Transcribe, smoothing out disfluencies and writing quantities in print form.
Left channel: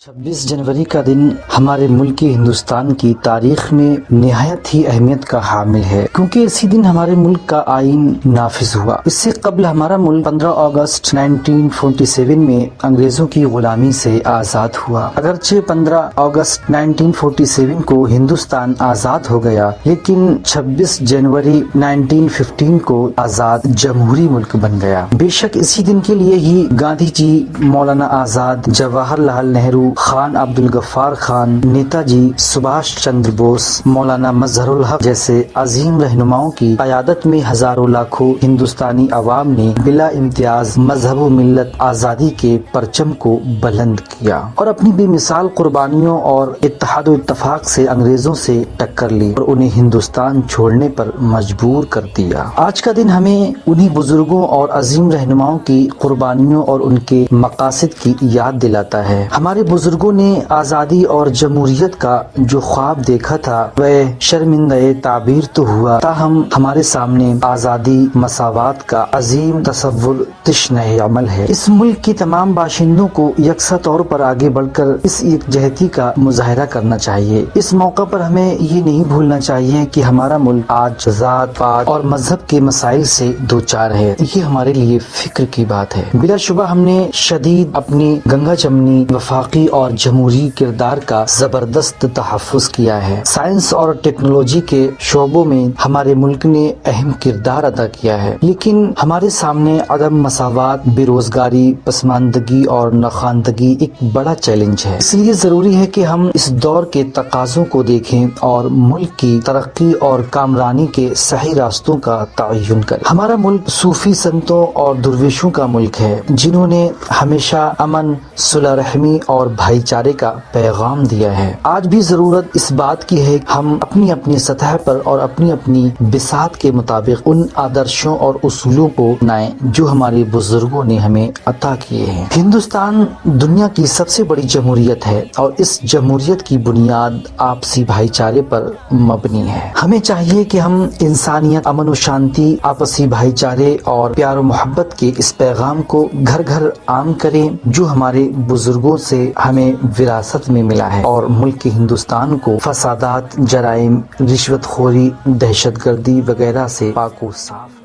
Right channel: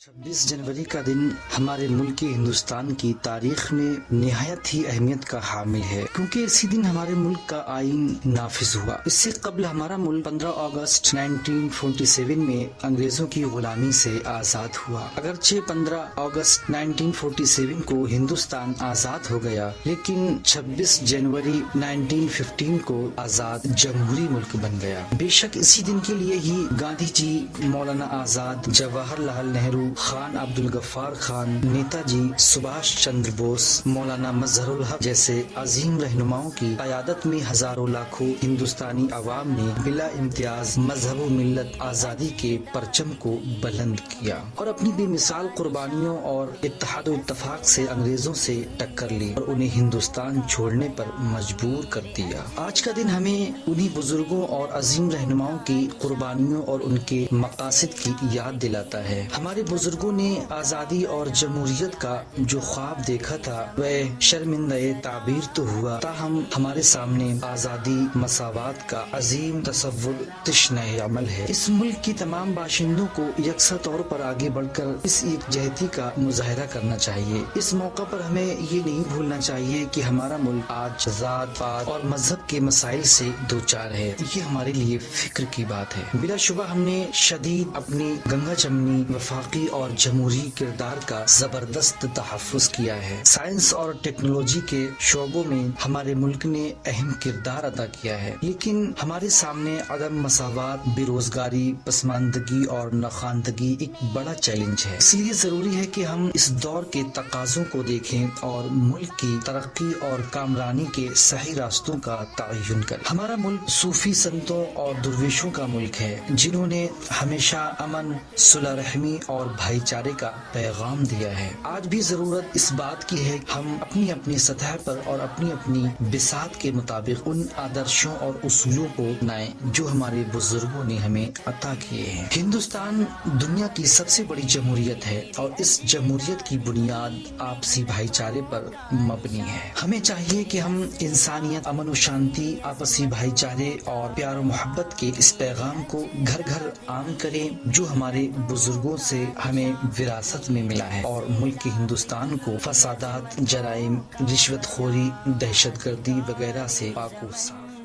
26 जनवरी का दिन हमारे मुल्क हिंदुस्तान की तारीख में निहायत ही अहमियत का हामिल है, क्योंकि इसी दिन हमारे मुल्क का आइन नाफिज हुआ। इससे कबल हमारा मुल्क 15 अगस्त 1947 में अंग्रेजों की गुलामी से आज़ाद हुआ। अगरचे 15 अगस्त 1947 को हिंदुस्तान आज़ाद हो गया, लेकिन 26 जनवरी 1915 को आज़ाद जमहूरी मुल्क बन गया। बेशक इसी दिन के लिए ही गांधी जी, मौलाना आज़ाद, जवाहरलाल नेहरू, खान अब्दुल गफ्फार खान, नेताजी सुभाष चंद्र बोस, मौलाना मजहरुल हक जैसे अजीम रहनुमाओं की क़यादत में हजारों लाखों हिंदुस्तानी अवाम ने बिला इम्तियाज मजहब व मिल्लत आज़ादी के परचम को बुलंद किया और अपनी बेमिसाल कुर्बानियों और इत्तेहाद व इत्तफाक से अंग्रेजों से टक्कर ली और उन्हें हिंदुस्तान छोड़ने पर मजबूर कर दिया। आज का दिन हमें उन्हीं बुजुर्गों और अजीम रहनुमाओं की कुर्बानियों और उनके मकासद की याद दिलाता है। हमारे बुजुर्गों ने आज़ादी और जमहूरियत का जो ख्वाब देखा था वह शर्मिंदा ताबीर तो हुआ, ताहम हमारे सामने आज़ादी मसावात का अजीम तसव्वुर तश्ने अमल है। इस मुल्क की तमाम बाशिंदों को यकसा तौर पर आगे बढ़कर इस यकजहती का मुजाहरा करना चाहिए। इस मौका पर हमें ये नहीं भूलना चाहिए कि हमारा मुल्क आज ज़ात पात और मजहब के मसाइल से दो चार है। ये हमारे लिए फिक्र की बात है। बिलाशुबा हमने शदीद अपनी गंगा जमनी वफाकी और जमहूरी किरदार का जबरदस्त तहफ़्फ़ुज़ किया है। साइंस और टेक्नोलॉजी के शोबों में हमारे मुल्क ने अहम किरदार अदा किया है, लेकिन हमारे सामने अदम मसावात, बेरोजगारी, पसमानदगी और नखानदगी एक बड़ा चैलेंज है। इसलिए जरूरी है कि हम इस दौर के तकाज़ों को देखें और मुल्क की तरक्की और कामरानी के सही रास्तों का तयन करें। हमारा मुल्क सूफी संतों और दुर्वेशों का मुल्क है, जिन्होंने हमेशा अमन, सुलह रहमी और भाईचारे का पैगाम दिया है। आज भी जरूरत इस बात की है कि हम अपनी अपनी सतह पर और अपनी अपनी बिसात के मुताबिक उन आदर्शों और उसूलों को अपनाएं जो हमारे बुजुर्गों ने हमें अता किए हैं। हिंदुस्तान दुनिया की सबसे बड़ी जमहूरियत है और इस जमहूरियत की बुनियाद आपसी भाईचारे पर मबनी है। हमें चाहिए कि हम इंसानियत, अमन व शांति, आपसी भाईचारे और प्यार व मोहब्बत के इस पैगाम को घर घर आम करें जो हमारे बुजुर्गों से हमें विरासत में मिला है और मुल्क हिंदुस्तान को फसादात, जराइम, रिश्वतखोरी, दहशतगर्दी वगैरह से पाक व साफ